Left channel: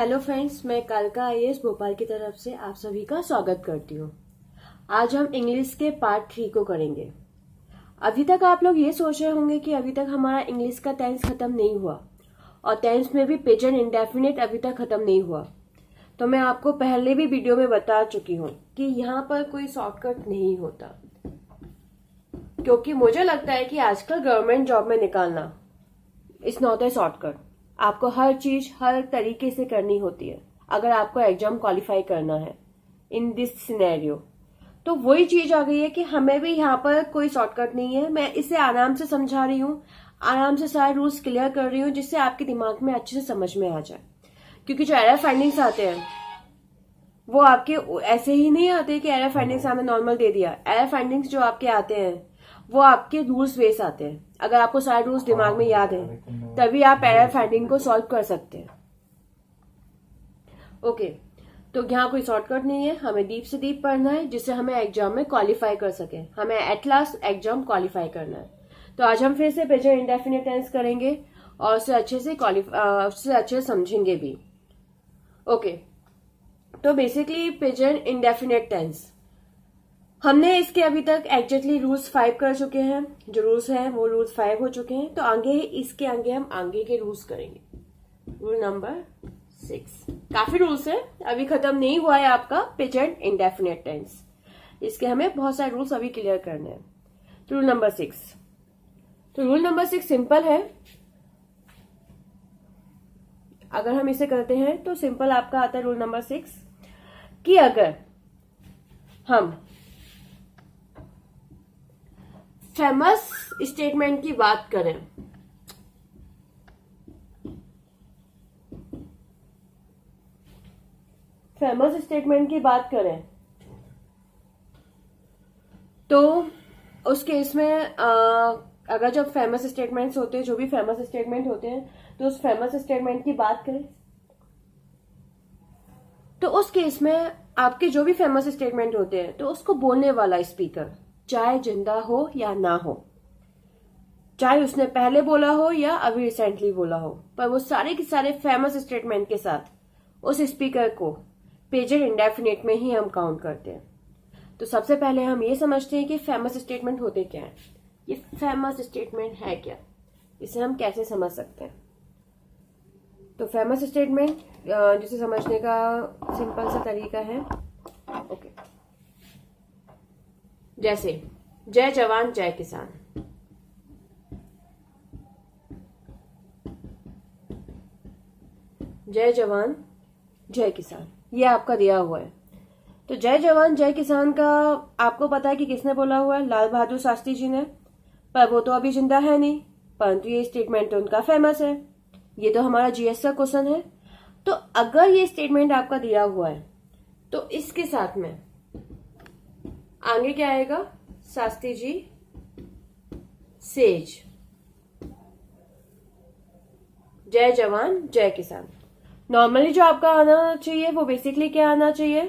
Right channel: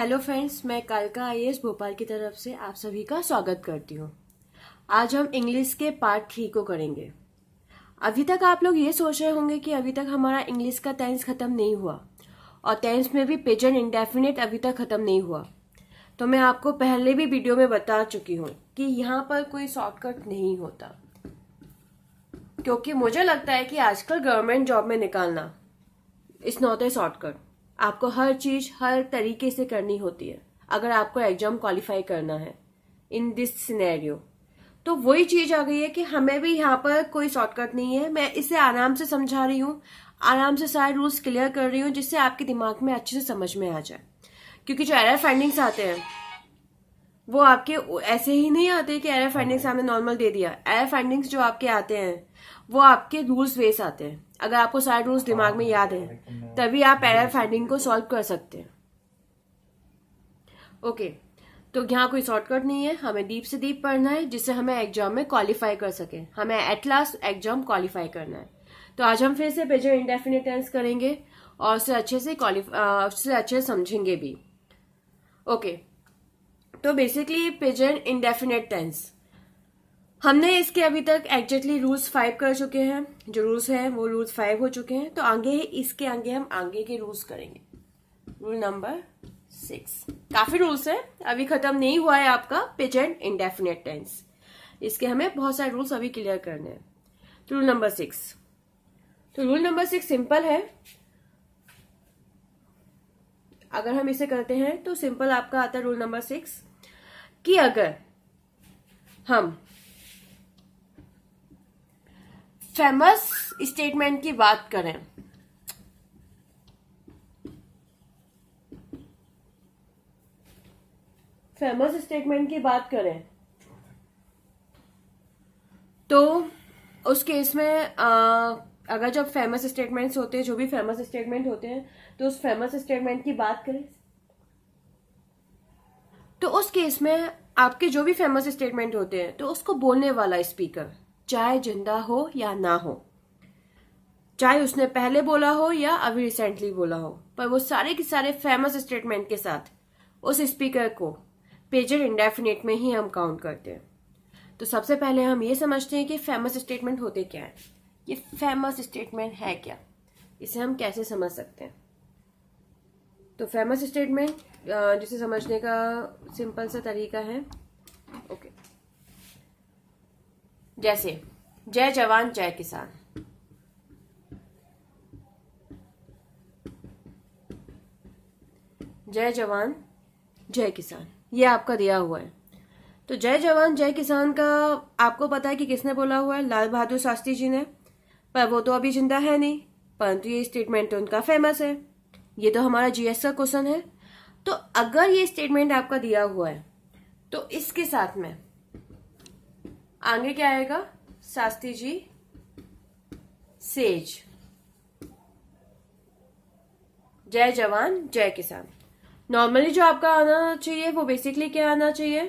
Hello friends, मैं कालका IAS Bhopal की तरफ से आप सभी का स्वागत करती हूँ। आज हम इंग्लिश के पार्ट 3 को करेंगे। अभी तक आप लोग ये सोच रहे होंगे कि अभी तक हमारा इंग्लिश का टेंस खत्म नहीं हुआ और टेंस में भी प्रेजेंट इंडेफिनिट अभी तक खत्म नहीं हुआ। तो मैं आपको पहले भी वीडियो में बता चुकी हूँ कि यहाँ पर कोई शॉर्टकट नहीं होता, क्योंकि मुझे लगता है कि आजकल गवर्नमेंट जॉब में निकालना इट्स नॉट ए शॉर्टकट। आपको हर चीज हर तरीके से करनी होती है अगर आपको एग्जाम क्वालिफाई करना है इन दिस सिनेरियो। तो वही चीज आ गई है कि हमें भी यहाँ पर कोई शॉर्टकट नहीं है। मैं इसे आराम से समझा रही हूँ, आराम से सारे रूल्स क्लियर कर रही हूँ, जिससे आपके दिमाग में अच्छे से समझ में आ जाए। क्योंकि जो एरर फाइंडिंग्स आते हैं वो आपके ऐसे ही नहीं आते कि एरर फाइंडिंग्स हमने नॉर्मल दे दिया। एरर फाइंडिंग्स जो आपके आते हैं वो आपके रूल्स बेस आते हैं। अगर आपको सारे रूल्स दिमाग में याद है तभी आप एरर फाइंडिंग को सॉल्व कर सकते हैं। ओके, तो यहाँ कोई शॉर्टकट नहीं है, हमें डीप से डीप पढ़ना है जिससे हमें एग्जाम में क्वालिफाई कर सके, हमें एट लास्ट एग्जाम क्वालिफाई करना है। तो आज हम फिर से प्रेजेंट इंडेफिनिट टेंस करेंगे और उससे अच्छे से समझेंगे भी। ओके, तो बेसिकली प्रेजेंट इंडेफिनिट टेंस हमने इसके अभी तक एग्जैक्टली रूल्स 5 कर चुके हैं। जो रूल्स हैं वो रूल्स 5 हो चुके हैं। तो इसके आगे हम आगे के रूल्स करेंगे। रूल नंबर 6, काफी रूल्स है, अभी खत्म नहीं हुआ है आपका प्रेजेंट इंडेफिनिट टेंस। इसके हमें बहुत सारे रूल्स अभी क्लियर करने हैं। तो रूल नंबर 6, तो रूल नंबर 6 सिंपल है। अगर हम इसे करते हैं तो सिंपल आपका आता है रूल नंबर 6 कि अगर हम फेमस स्टेटमेंट की बात करें, फेमस स्टेटमेंट की बात करें तो उस केस में अगर जब फेमस स्टेटमेंट्स होते हैं, जो भी फेमस स्टेटमेंट होते हैं, तो उस फेमस स्टेटमेंट की बात करें तो उस केस में आपके जो भी फेमस स्टेटमेंट होते हैं तो उसको बोलने वाला स्पीकर चाहे जिंदा हो या ना हो, चाहे उसने पहले बोला हो या अभी रिसेंटली बोला हो, पर वो सारे के सारे फेमस स्टेटमेंट के साथ उस स्पीकर को प्रेजेंट इंडेफिनिट में ही हम काउंट करते हैं। तो सबसे पहले हम ये समझते हैं कि फेमस स्टेटमेंट होते क्या है। ये फेमस स्टेटमेंट है क्या, इसे हम कैसे समझ सकते हैं। तो फेमस स्टेटमेंट जिसे समझने का सिंपल सा तरीका है। ओके, जैसे जय जवान जय किसान, जय जवान जय किसान, ये आपका दिया हुआ है। तो जय जवान जय किसान का आपको पता है कि किसने बोला हुआ है? लाल बहादुर शास्त्री जी ने, पर वो तो अभी जिंदा है नहीं, परंतु ये स्टेटमेंट तो उनका फेमस है। ये तो हमारा जीएस का क्वेश्चन है। तो अगर ये स्टेटमेंट आपका दिया हुआ है तो इसके साथ में आगे क्या आएगा? शास्त्री जी सेज, जय जवान जय किसान। नॉर्मली जो आपका आना चाहिए वो बेसिकली क्या आना चाहिए?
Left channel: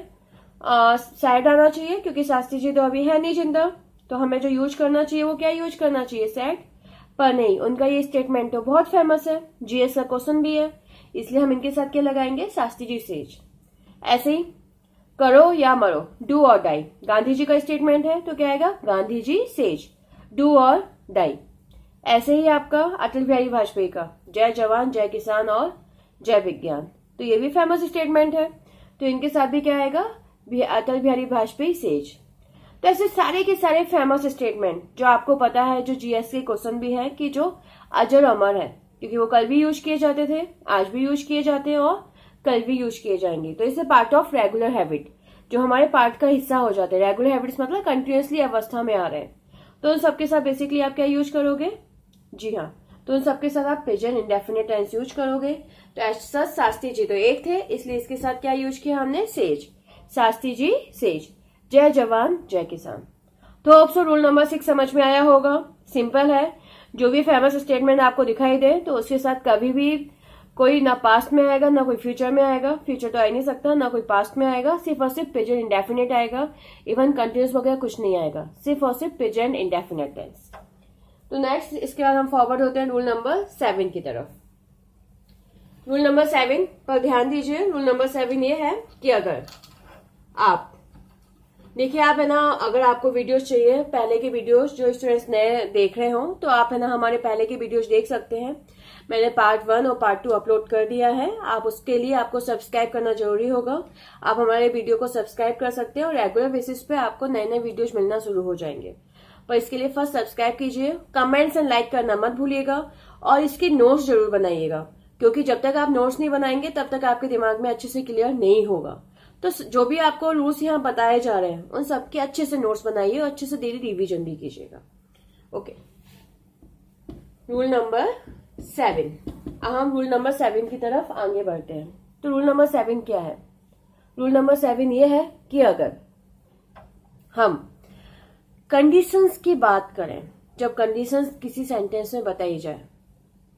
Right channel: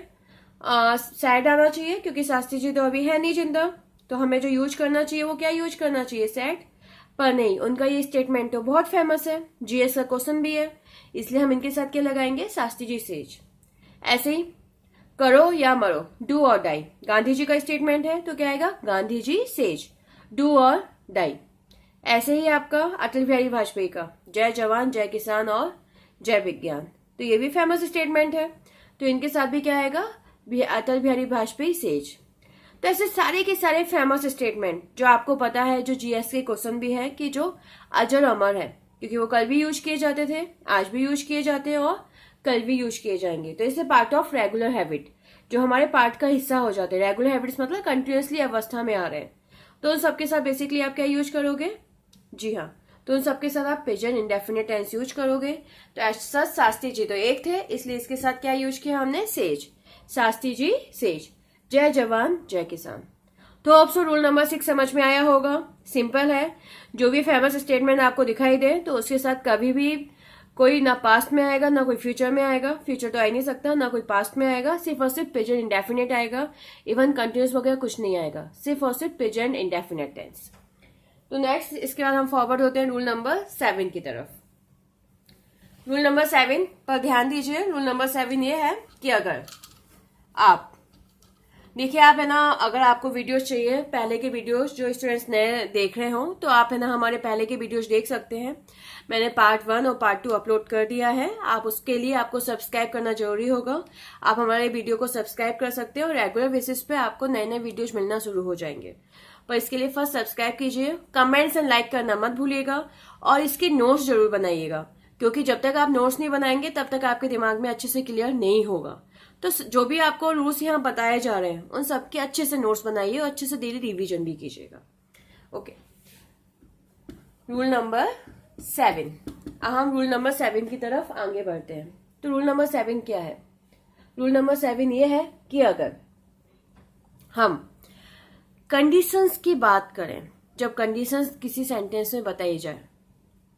सैड आना चाहिए, क्योंकि शास्त्री जी तो अभी है नहीं जिंदा। तो हमें जो यूज करना चाहिए वो क्या यूज करना चाहिए? सैड। पर नहीं, उनका ये स्टेटमेंट तो बहुत फेमस है, जीएस का क्वेश्चन भी है, इसलिए हम इनके साथ क्या लगाएंगे? शास्त्री जी सेज। ऐसे ही करो या मरो, डू और डाई, गांधी जी का स्टेटमेंट है तो क्या आएगा? गांधी जी सेज, डू और डाई। ऐसे ही आपका अटल बिहारी वाजपेयी का जय जवान जय किसान और जय विज्ञान, तो ये भी फेमस स्टेटमेंट है, तो इनके साथ भी क्या आएगा? अटल बिहारी वाजपेयी सेज। तो ऐसे सारे के सारे फेमस स्टेटमेंट जो आपको पता है, जो जीएस के क्वेश्चन भी है कि जो अजर अमर है, क्योंकि वो कल भी यूज किए जाते थे, आज भी यूज किए जाते हैं और कल भी यूज किए जाएंगे। तो इसे पार्ट ऑफ रेगुलर हैबिट, जो हमारे पार्ट का हिस्सा हो जाते हैं। रेगुलर हैबिट्स मतलब कंटिन्यूअसली अवस्था में आ रहे हैं। तो उन सबके साथ बेसिकली आप क्या यूज करोगे? जी हाँ, तो उन सबके साथ आप प्रेजेंट इंडेफिनिट टेंस यूज करोगे। तो ऐसा शास्त्री जी तो एक थे, इसलिए इसके साथ क्या यूज किया हमने? सेज, शास्त्री जी सेज, जय जवान जय किसान। तो होप सो रूल नंबर 6 समझ में आया होगा। सिंपल है, जो भी फेमस स्टेटमेंट आपको दिखाई दे तो उसके साथ कभी भी कोई ना पास्ट में आएगा ना कोई फ्यूचर में आएगा, फ्यूचर तो आ ही नहीं सकता, ना कोई पास्ट में आएगा, सिर्फ और सिर्फ प्रेजेंट इंडेफिनिट आएगा। इवन कंटिन्यूस वगैरह कुछ नहीं आएगा, सिर्फ और सिर्फ प्रेजेंट इंडेफिनिट टेंस। तो नेक्स्ट इसके बाद हम फॉरवर्ड होते हैं रूल नंबर 7 की तरफ। रूल नंबर 7 पर ध्यान दीजिए। रूल नंबर 7 ये है कि अगर आप देखिए, आप है ना, अगर आपको वीडियोस चाहिए, पहले के वीडियोस जो स्टूडेंट्स नए देख रहे हो, तो आप है ना हमारे पहले के वीडियोस देख सकते हैं। मैंने पार्ट 1 और पार्ट 2 अपलोड कर दिया है। आप उसके लिए आपको सब्सक्राइब करना जरूरी होगा। आप हमारे वीडियो को सब्सक्राइब कर सकते हैं और रेगुलर बेसिस पे आपको नए नए वीडियोज मिलना शुरू हो जाएंगे। पर इसके लिए फर्स्ट सब्सक्राइब कीजिए, कमेंट्स एंड लाइक करना मत भूलिएगा और इसके नोट्स जरूर बनाइएगा, क्योंकि जब तक आप नोट्स नहीं बनाएंगे तब तक आपके दिमाग में अच्छे से क्लियर नहीं होगा। तो जो भी आपको रूल्स यहाँ बताए जा रहे हैं उन सबके अच्छे से नोट्स बनाइए और अच्छे से डेली रिवीजन भी कीजिएगा। Okay, rule number 7। अब हम रूल नंबर 7 की तरफ आगे बढ़ते हैं। तो रूल नंबर 7 क्या है? रूल नंबर 7 ये है कि अगर हम कंडीशंस की बात करें, जब कंडीशंस किसी सेंटेंस में बताई जाए,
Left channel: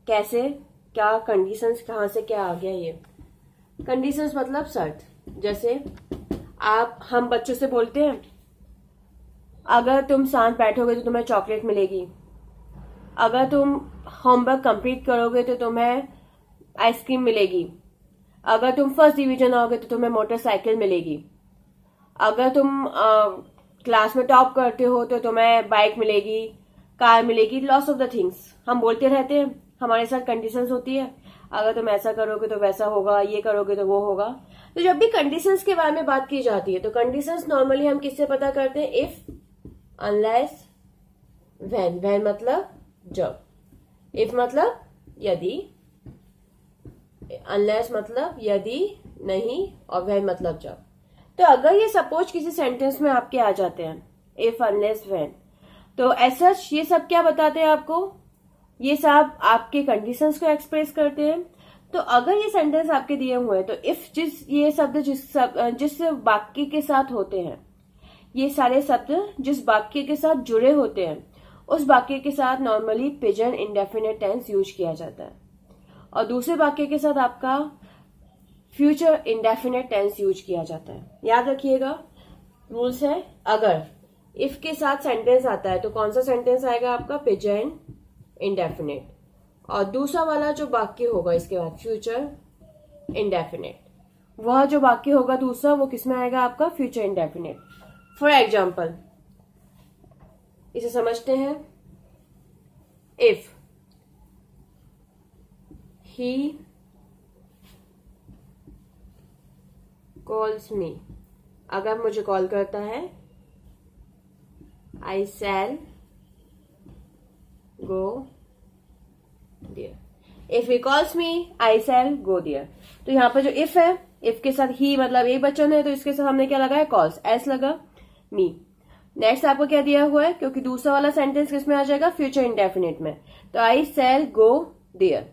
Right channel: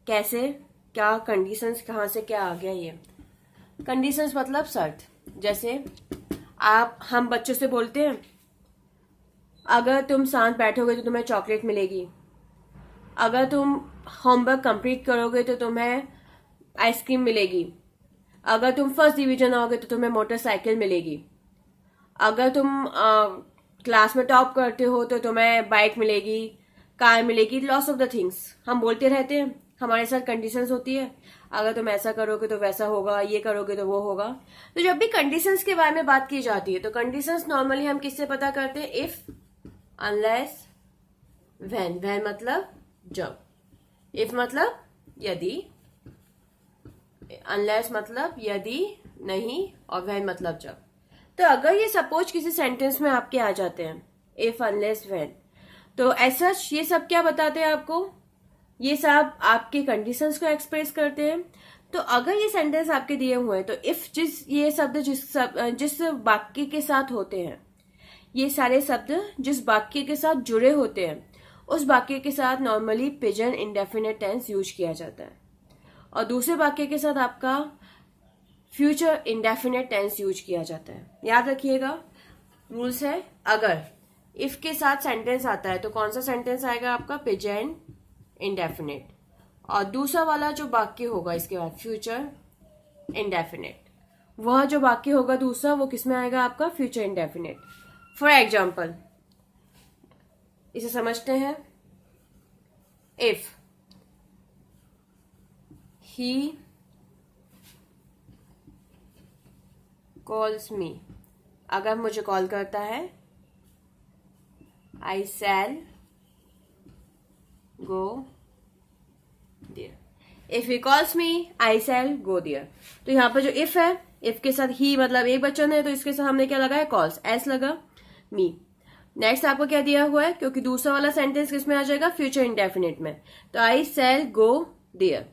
कैसे, क्या कंडीशंस, कहां से क्या आ गया, ये कंडीशंस मतलब शर्त। जैसे हम बच्चों से बोलते हैं, अगर तुम शांत बैठोगे तो तुम्हें चॉकलेट मिलेगी, अगर तुम होमवर्क कंप्लीट करोगे तो तुम्हें आइसक्रीम मिलेगी, अगर तुम फर्स्ट डिवीजन आओगे तो तुम्हें मोटरसाइकिल मिलेगी, अगर तुम क्लास में टॉप करते हो तो तुम्हें बाइक मिलेगी, कार मिलेगी, लॉट्स ऑफ द थिंग्स हम बोलते रहते हैं। हमारे साथ कंडीशंस होती है, अगर तुम ऐसा करोगे तो वैसा होगा, ये करोगे तो वो होगा। तो जब भी कंडीशंस के बारे में बात की जाती है तो कंडीशंस नॉर्मली हम किससे पता करते हैं? If, unless, when. व्हेन मतलब जब, इफ मतलब यदि, अनलेस मतलब यदि नहीं, और व्हेन मतलब जब। तो अगर ये सपोज किसी सेंटेंस में आपके आ जाते हैं इफ, अनलेस, व्हेन, तो ऐसा ये सब क्या बताते हैं आपको? ये सब आपके कंडीशंस को एक्सप्रेस करते हैं। तो अगर ये सेंटेंस आपके दिए हुए हैं तो इफ ये शब्द जिस वाक्य के साथ होते हैं, ये सारे शब्द जिस वाक्य के साथ जुड़े होते हैं उस वाक्य के साथ normally present indefinite tense use किया जाता है, और दूसरे वाक्य के साथ आपका फ्यूचर इंडेफिनिट टेंस यूज किया जाता है। याद रखिएगा, रूल्स है, अगर इफ के साथ सेंटेंस आता है तो कौन सा सेंटेंस आएगा आपका? प्रेजेंट इंडेफिनिट, और दूसरा वाला जो वाक्य होगा इसके बाद फ्यूचर इंडेफिनिट, वह जो वाक्य होगा दूसरा वो किसमें आएगा आपका? Future indefinite. फॉर एग्जाम्पल इसे समझते हैं। इफ ही कॉल्स मी, अगर मुझे कॉल करता है, I shall go there. If he calls me, I shall go there. तो यहाँ पर जो इफ है, इफ के साथ ही मतलब एक वचन है, तो इसके साथ हमने क्या लगाया? कॉल्स, एस लगा, मी। नेक्स्ट आपको क्या दिया हुआ है? क्योंकि दूसरा वाला सेंटेंस किसमें आ जाएगा? फ्यूचर इंडेफिनिट में। तो I shall go there,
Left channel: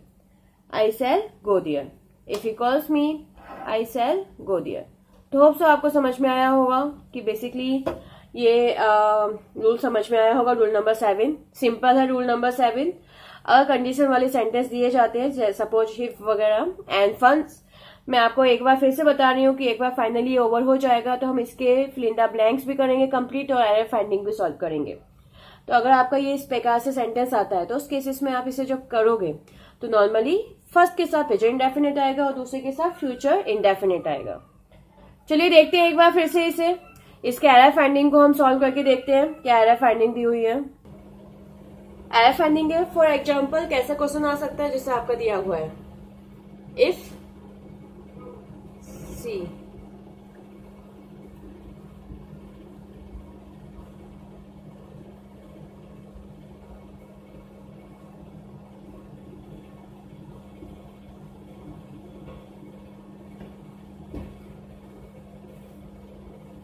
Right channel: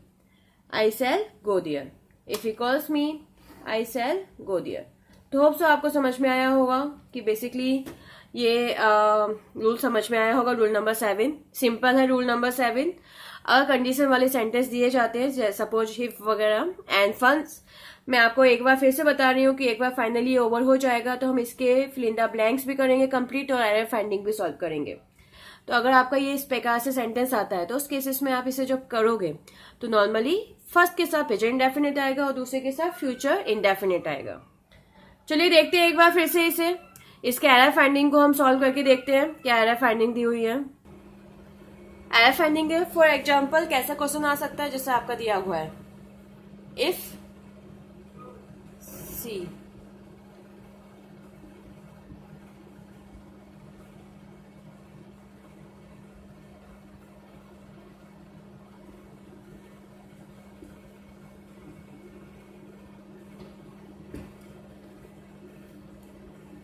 I shall go there. If he calls me, I shall go there. तो होप सो आपको समझ में आया होगा कि बेसिकली ये रूल समझ में आया होगा। रूल नंबर 7 सिंपल है। रूल नंबर 7, अगर कंडीशन वाले सेंटेंस दिए जाते हैं सपोज इफ वगैरह एंड फंस, मैं आपको एक बार फिर से बता रही हूँ कि एक बार फाइनली ओवर हो जाएगा तो हम इसके फिल इन द ब्लैंक्स भी करेंगे कंप्लीट और एरर फाइंडिंग भी सॉल्व करेंगे। तो अगर आपका ये इस प्रकार से सेंटेंस आता है तो उस केसेस में आप इसे जब करोगे तो नॉर्मली फर्स्ट के साथ प्रेजेंट इंडेफिनिट आएगा और दूसरे के साथ फ्यूचर इंडेफिनिट आएगा। चलिए देखते हैं एक बार फिर से इसे, इसके एरर फाइंडिंग को हम सॉल्व करके देखते हैं क्या एरर फाइंडिंग दी हुई है। एरर फाइंडिंग है, फॉर एग्जाम्पल कैसा क्वेश्चन आ सकता है जैसे आपका दिया हुआ है, इफ सी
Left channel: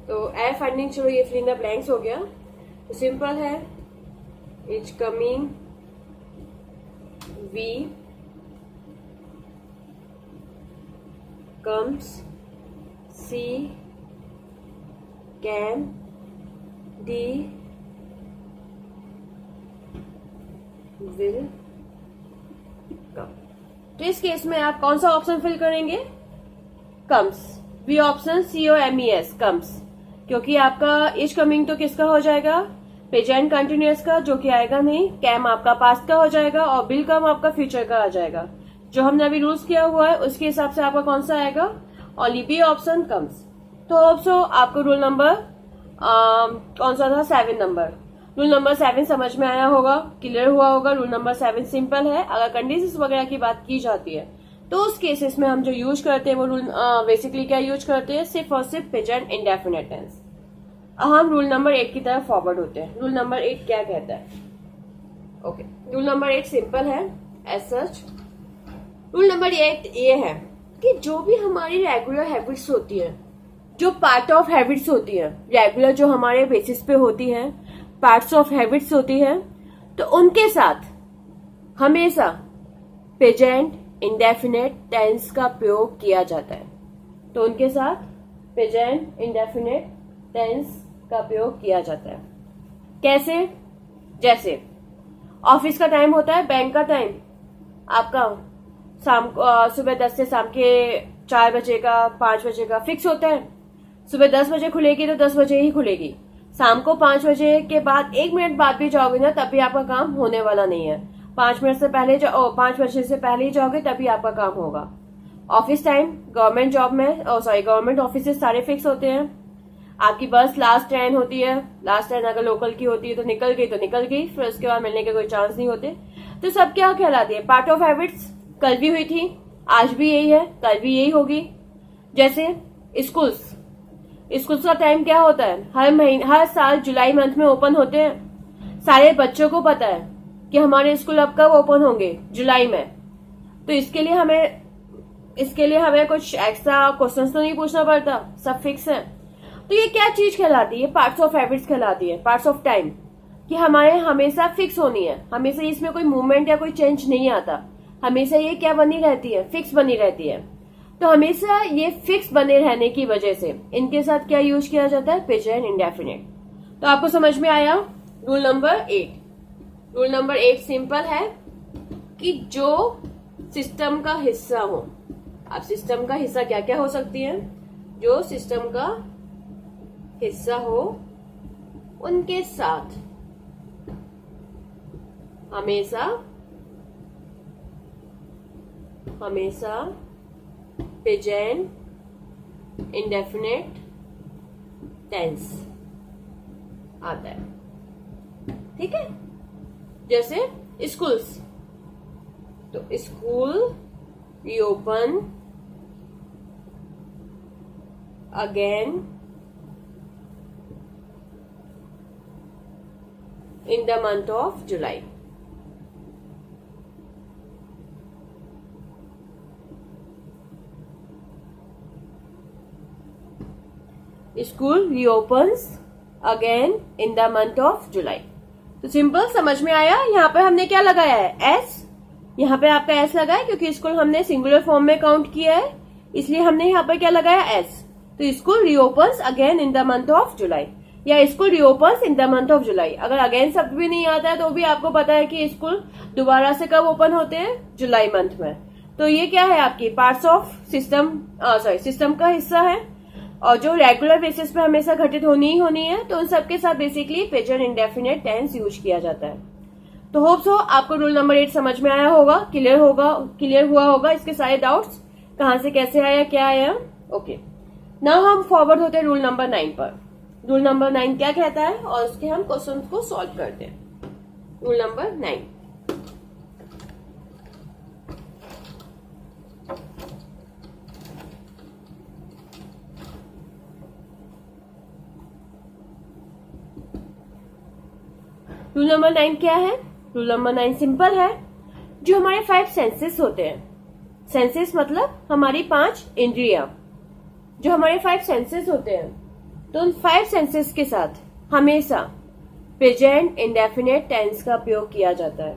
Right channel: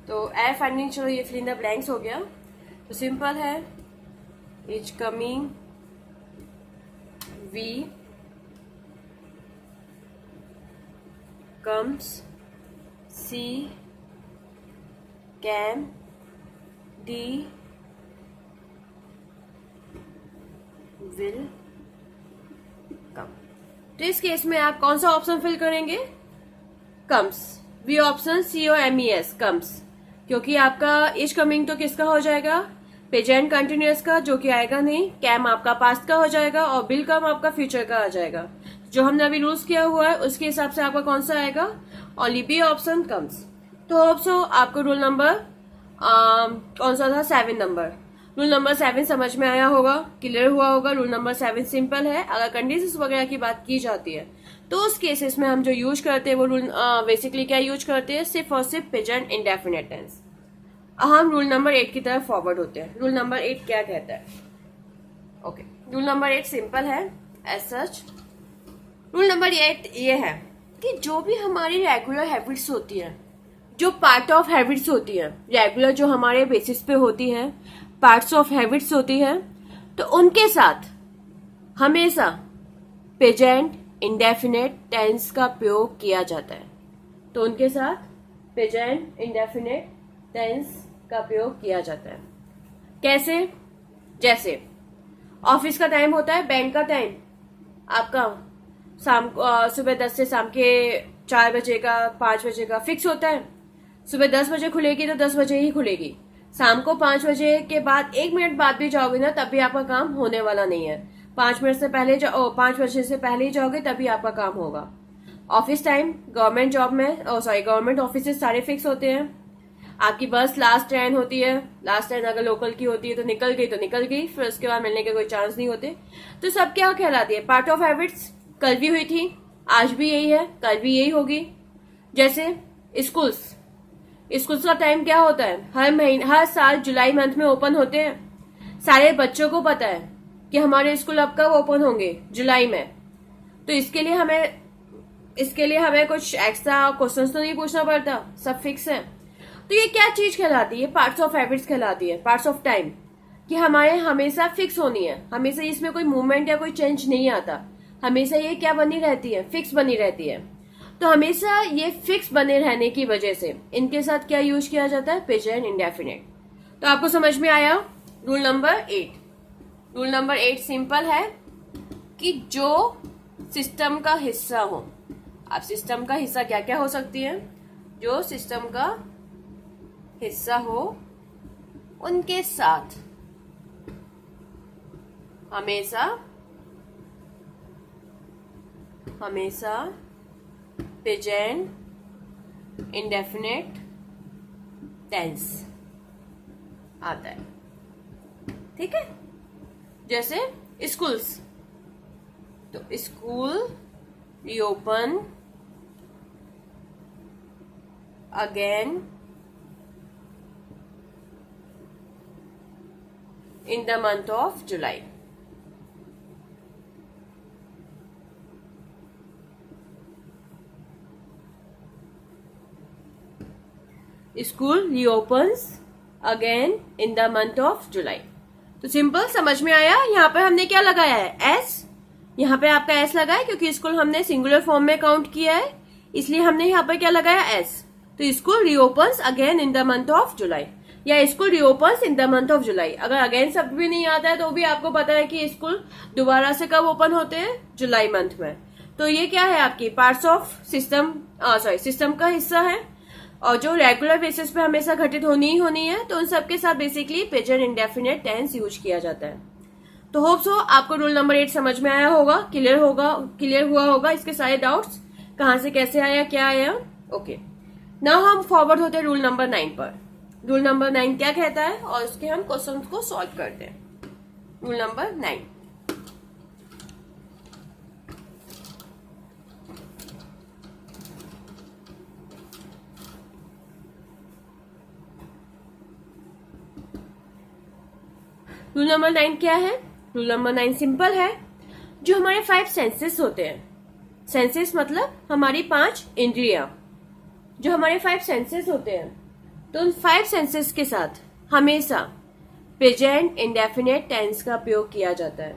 तो एरर फाइंडिंग, चलो ये फिल इन द ब्लैंक्स हो गया। तो सिंपल है, is coming, B comes, C can, D will come. तो इस केस में आप कौन सा ऑप्शन फिल करेंगे? Comes, B option COMES, comes, क्योंकि आपका इज कमिंग तो किसका हो जाएगा? प्रेजेंट कंटिन्यूअस का, जो कि आएगा नहीं। कैम आपका पास्ट का हो जाएगा और विल कम आपका फ्यूचर का आ जाएगा। जो हमने अभी रूल्स किया हुआ है उसके हिसाब से आपका कौन सा आएगा, ओनली बी ऑप्शन कम्स। तो होप सो आपको रूल नंबर कौन सा था, 7 नंबर, रूल नंबर 7 समझ में आया होगा, क्लियर हुआ होगा। रूल नंबर 7 सिंपल है। अगर कंडीशंस वगैरह की बात की जाती है तो उस केसेस में हम जो यूज करते हैं वो रूल बेसिकली क्या यूज करते हैं, सिर्फ और सिर्फ प्रेजेंट इंडेफिनिट टेंस। हम रूल नंबर 8 की तरफ फॉरवर्ड होते हैं। रूल नंबर 8 क्या कहता है? ओके, रूल नंबर 8 सिंपल है एज सच। रूल नंबर 8 ये है कि जो भी हमारी रेगुलर हैबिट्स होती है, जो पार्ट ऑफ हैबिट्स होती है, रेगुलर जो हमारे बेसिस पे होती है, पार्ट्स ऑफ हैबिट्स होती है, तो उनके साथ हमेशा प्रेजेंट इंडेफिनिट टेंस का प्रयोग किया जाता है। तो उनके साथ प्रेजेंट इंडेफिनिट टेंस का प्रयोग किया जाता है। कैसे? जैसे ऑफिस का टाइम होता है, बैंक का टाइम आपका सुबह 10 से शाम के 4 बजे का, 5 बजे का फिक्स होता है। सुबह 10 बजे खुलेगी तो 10 बजे ही खुलेगी। शाम को 5 बजे के बाद 1 मिनट बाद भी जाओगे ना तब भी आपका काम होने वाला नहीं है। 5 मिनट से पहले 5 बजे से पहले ही जाओगे तभी आपका काम होगा। ऑफिस टाइम गवर्नमेंट जॉब में गवर्नमेंट ऑफिस सारे फिक्स होते हैं। आपकी बस लास्ट ट्रेन होती है, लास्ट ट्रेन अगर लोकल की होती है तो निकल गई, फिर उसके बाद मिलने के कोई चांस नहीं होते। तो सब क्या कहलाती है, पार्ट ऑफ हैबिट्स। कल भी हुई थी, आज भी यही है, कल भी यही होगी। जैसे स्कूल्स का टाइम क्या होता है, हर साल जुलाई मंथ में ओपन होते हैं। सारे बच्चों को पता है कि हमारे स्कूल अब कब ओपन होंगे, जुलाई में। तो इसके लिए हमें कुछ एक्स्ट्रा क्वेश्चंस तो नहीं पूछना पड़ता, सब फिक्स है। तो ये क्या चीज कहलाती है, पार्ट्स ऑफ हैबिट्स कहलाती है, पार्ट्स ऑफ टाइम, कि हमारे हमेशा फिक्स होनी है, हमेशा इसमें कोई मूवमेंट या कोई चेंज नहीं आता, हमेशा ये क्या बनी रहती है, फिक्स बनी रहती है। तो हमेशा ये फिक्स बने रहने की वजह से इनके साथ क्या यूज किया जाता है, प्रेजेंट इंडेफिनिट। तो आपको समझ में आया rule number 8। Rule number 8 simple है कि जो सिस्टम का हिस्सा हो, अब सिस्टम का हिस्सा क्या क्या हो सकती है, जो सिस्टम का हिस्सा हो उनके साथ हमेशा प्रेजेंट इंडेफिनिट टेंस आता है। ठीक है, जैसे स्कूल्स, तो school reopen again in the month of July. School reopens again in the month of July. तो सिंपल समझ में आया। यहाँ पे हमने क्या लगाया है, एस। यहाँ पे आपका एस लगा है क्योंकि स्कूल हमने सिंगुलर फॉर्म में काउंट किया है, इसलिए हमने यहाँ पे क्या लगाया, एस। तो school reopens again in the month of July, या school reopens in the month of July. अगर अगेन शब्द भी नहीं आता है तो भी आपको पता है कि स्कूल दोबारा से कब ओपन होते हैं, जुलाई मंथ में। तो ये क्या है, आपकी पार्ट्स ऑफ सिस्टम का हिस्सा है, और जो रेगुलर बेसिस पे हमेशा घटित होनी ही होनी है। तो उन सबके साथ basically present indefinite tense use किया जाता है। तो होप्स हो आपको रूल नंबर 8 समझ में आया होगा, क्लियर हुआ होगा। इसके सारे डाउट्स कहां से कैसे आया, क्या आया। ओके, नाउ हम फॉरवर्ड होते हैं रूल नंबर 9 पर। रूल नंबर 9 क्या कहता है और उसके हम क्वेश्चन को सॉल्व करते हैं। रूल नंबर 9, रूल नंबर 9 क्या है? रूल नंबर 9 सिंपल है। जो हमारे 5 सेंसेस होते हैं, सेंसेस मतलब हमारी 5 इंद्रियां, जो हमारे 5 सेंसेस होते हैं, तो उन 5 सेंसेस के साथ हमेशा प्रेजेंट इंडेफिनिट टेंस का प्रयोग किया जाता है।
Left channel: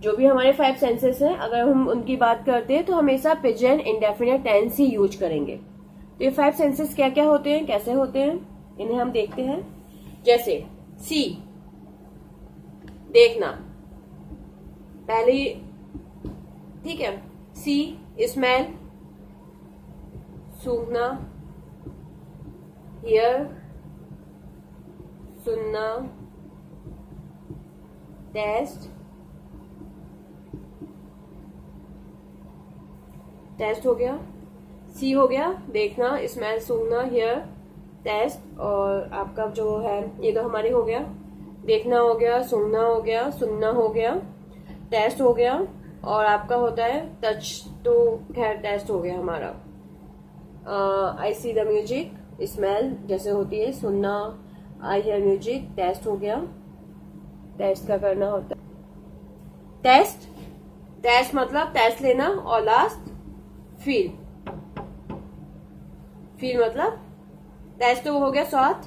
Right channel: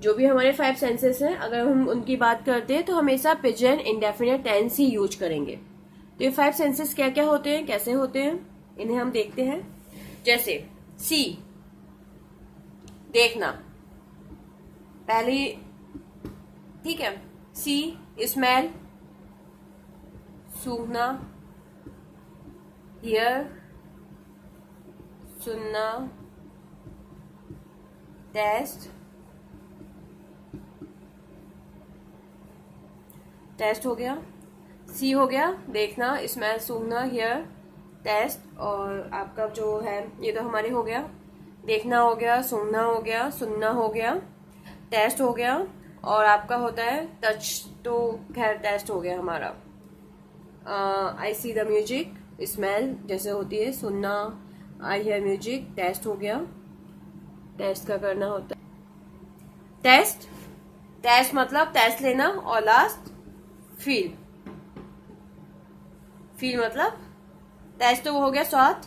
जो भी हमारे 5 सेंसेस हैं, अगर हम उनकी बात करते हैं तो हमेशा प्रेजेंट इंडेफिनिट टेंस ही यूज करेंगे। तो ये 5 सेंसेस क्या क्या होते हैं, कैसे होते हैं, इन्हें हम देखते हैं। जैसे सी, देखना, पहले, ठीक है, सी स्मेल, सूंघना, हियर सुनना, टेस्ट, टेस्ट हो गया। सी हो गया देखना, स्मेल, सूंघना, हियर, टेस्ट। और आपका जो है ये तो हमारे हो गया, देखना हो गया, सूंघना हो गया, सुनना हो गया, टेस्ट हो गया। और आपका होता है टच, तो खैर टेस्ट हो गया हमारा। आई सी द म्यूजिक, स्मेल जैसे होती है, सुनना, आई हियर म्यूजिक, टेस्ट हो गया। टेस्ट का करना होता है टेस्ट, टेस्ट मतलब टेस्ट लेना। और लास्ट फील, फील मतलब टेस्ट तो हो गया स्वाद,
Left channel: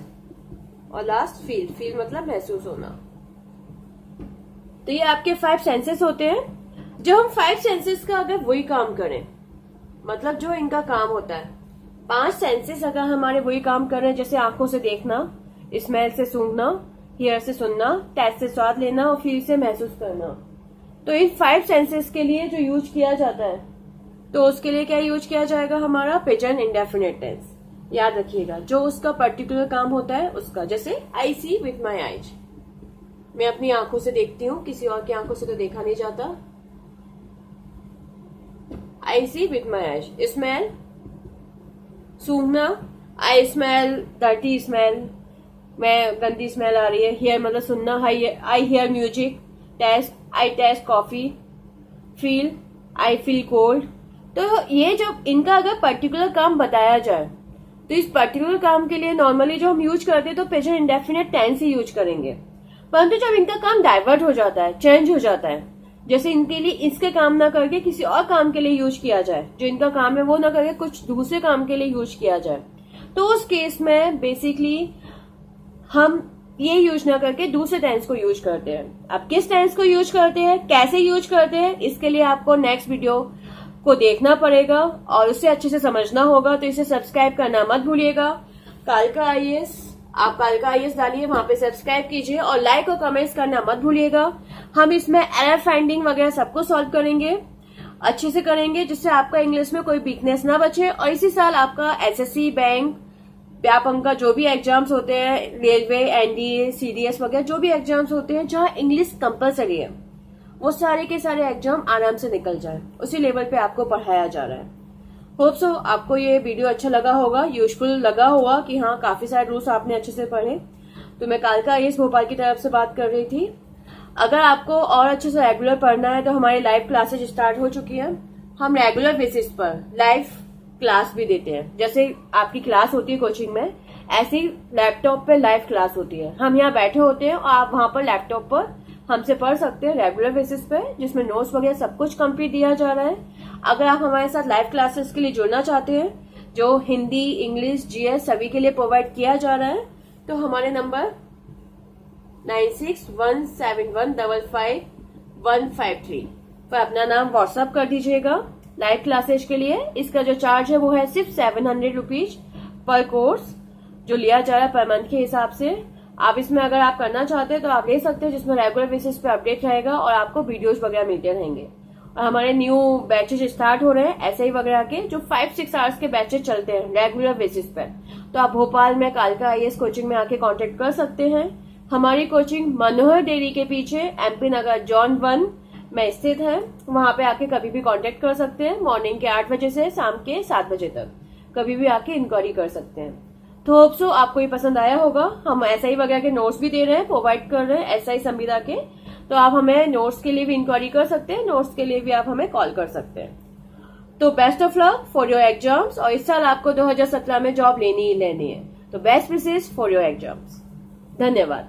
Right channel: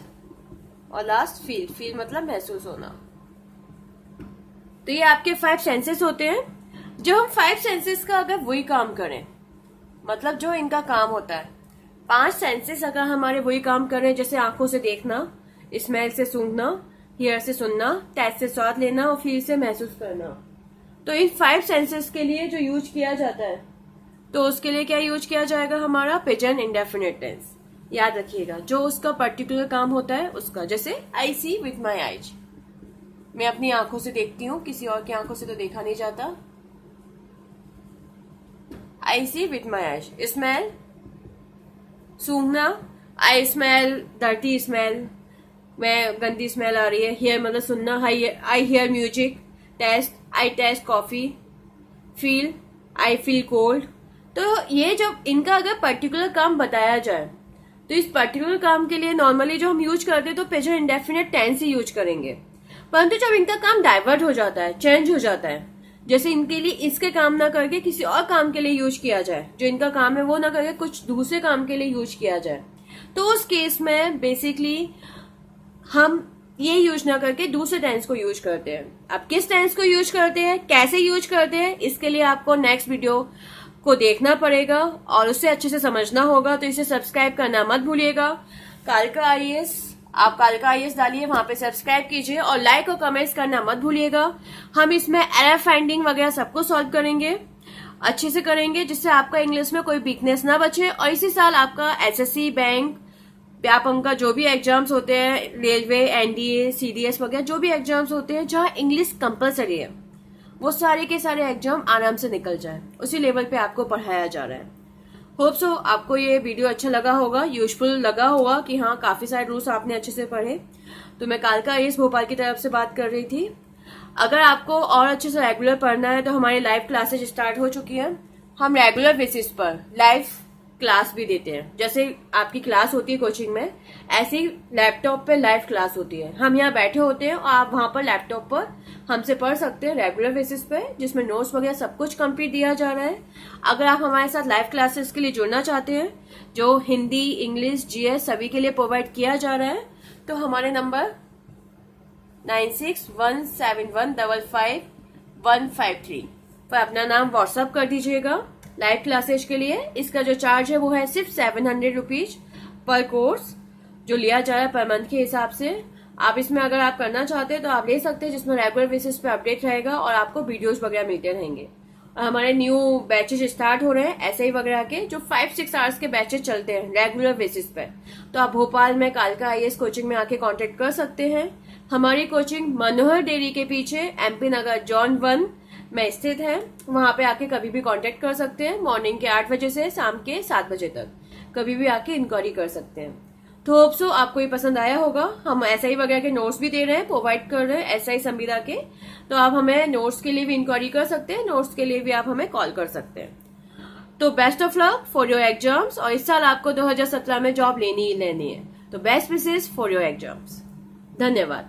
और लास्ट फील, फील मतलब महसूस होना। तो ये आपके 5 सेंसेस होते हैं। जब हम 5 सेंसेस का अगर वही काम करें, मतलब जो इनका काम होता है, 5 सेंसेस अगर हमारे वही काम करें, जैसे आंखों से देखना, स्मेल से सूंघना, हियर से सुनना, टेस्ट से स्वाद लेना और फील से महसूस करना, तो इन 5 सेंसेस के लिए जो यूज किया जाता है, तो उसके लिए क्या यूज किया जाएगा हमारा प्रेजेंट इंडेफिनिट टेंस। याद रखिएगा, जो उसका पर्टिकुलर काम होता है उसका। जैसे आई सी विथ माई आईज, मैं अपनी आंखों से देखती हूँ, किसी और की आंखों से तो देखा नहीं जाता। I see with my eyes. Smell, सूंघना, आई स्मेल डर्टी स्मेल, मैं गंदी स्मेल आ रही है। हियर मतलब सुनना, I hear music. Taste, I taste coffee. Feel, I feel cold. तो ये जब इनका अगर पर्टिकुलर काम बताया जाए, तो इस पर्टिकुलर काम के लिए नॉर्मली जो हम यूज करते हैं तो प्रेजेंट इंडेफिनिट टेंस ही यूज करेंगे। परंतु जब इनका काम डाइवर्ट हो जाता है, चेंज हो जाता है, जैसे इनके लिए इसके काम ना करके किसी और काम के लिए यूज किया जाए, जो इनका काम है वो ना करके कुछ दूसरे काम के लिए यूज किया जाए, तो उस केस में बेसिकली हम ये यूज ना करके दूसरे टेंस को यूज करते हैं। अब किस टेंस को यूज करते हैं, कैसे यूज करते हैं, इसके लिए आपको नेक्स्ट वीडियो को देखना पड़ेगा और उससे अच्छे से समझना होगा। तो इसे सब्सक्राइब करना मत भूलिएगा। कालका आईएएस, आप कालका आईएएस डालिए, वहां पे सब्सक्राइब कीजिए और लाइक और कमेंट्स करना मत भूलिएगा। हम इसमें एरर फाइंडिंग वगैरह सबको सॉल्व करेंगे, अच्छे से करेंगे, जिससे आपका इंग्लिश में कोई वीकनेस ना बचे। और इसी साल आपका एसएससी, बैंक, व्यापम का जो भी एग्जाम्स होते हैं, रेलवे, एनडीए, सीडीएस वगैरह जो भी एग्जाम्स होते हैं जहां इंग्लिश कंपलसरी है, वो सारे के सारे एग्जाम आराम से निकल जाए। उसी लेवल पे आपको पढ़ाया जा रहा है। होप सो आपको ये वीडियो अच्छा लगा होगा, यूजफुल लगा होगा कि हाँ काफी सारे रूल्स आपने अच्छे से पढ़े। तो मैं कालका आईएएस भोपाल की तरफ से बात कर रही थी। अगर आपको और अच्छे से रेगुलर पढ़ना है तो हमारी लाइव क्लासेज स्टार्ट हो चुकी है। हम रेगुलर बेसिस पर लाइव क्लास भी देते हैं। जैसे आपकी क्लास होती है कोचिंग में, ऐसी लैपटॉप पे लाइव क्लास होती है। हम यहाँ बैठे होते हैं और आप वहां पर लैपटॉप पर हमसे पढ़ सकते हैं रेगुलर बेसिस पे, जिसमें नोट्स वगैरह सब कुछ कंप्लीट दिया जा रहा है। अगर आप हमारे साथ लाइव क्लासेस के लिए जुड़ना चाहते हैं, जो हिंदी, इंग्लिश, जीएस सभी के लिए प्रोवाइड किया जा रहा है, तो हमारे नंबर 9617155153 पर अपना नाम व्हाट्सअप कर दीजिएगा। लाइव क्लासेज के लिए इसका जो चार्ज है वो है सिर्फ 700 रुपीज पर कोर्स, जो लिया जा रहा है पर मंथ के हिसाब से। आप इसमें अगर आप करना चाहते हैं तो आप ले सकते हैं, जिसमें रेगुलर बेसिस पे अपडेट रहेगा और आपको वीडियोस वगैरह मिलते रहेंगे। और हमारे न्यू बैचेज स्टार्ट हो रहे हैं एसआई वगैरह के, जो 5-6 आवर्स के बैचेज चलते हैं रेगुलर बेसिस पे। तो आप भोपाल में कालका आईएएस कोचिंग में आके कांटेक्ट कर सकते हैं। हमारी कोचिंग मनोहर डेयरी के पीछे एमपी नगर जॉन 1 में स्थित है। वहां पे आके कभी भी कांटेक्ट कर सकते हैं, मॉर्निंग के 8 बजे से शाम के 7 बजे तक कभी भी आके इंक्वायरी कर सकते हैं। तो होप सो आपको ये पसंद आया होगा। हम एसआई वगैरह के नोट्स भी दे रहे हैं, प्रोवाइड कर रहे हैं एसआई संविदा के, तो आप हमें नोट्स के लिए भी इंक्वायरी कर सकते हैं, नोट्स के लिए भी आप हमें कॉल कर सकते हैं। तो best of luck for your exams. और इस साल आपको 2017 में जॉब लेनी ही लेनी है, तो best wishes for your exams. धन्यवाद।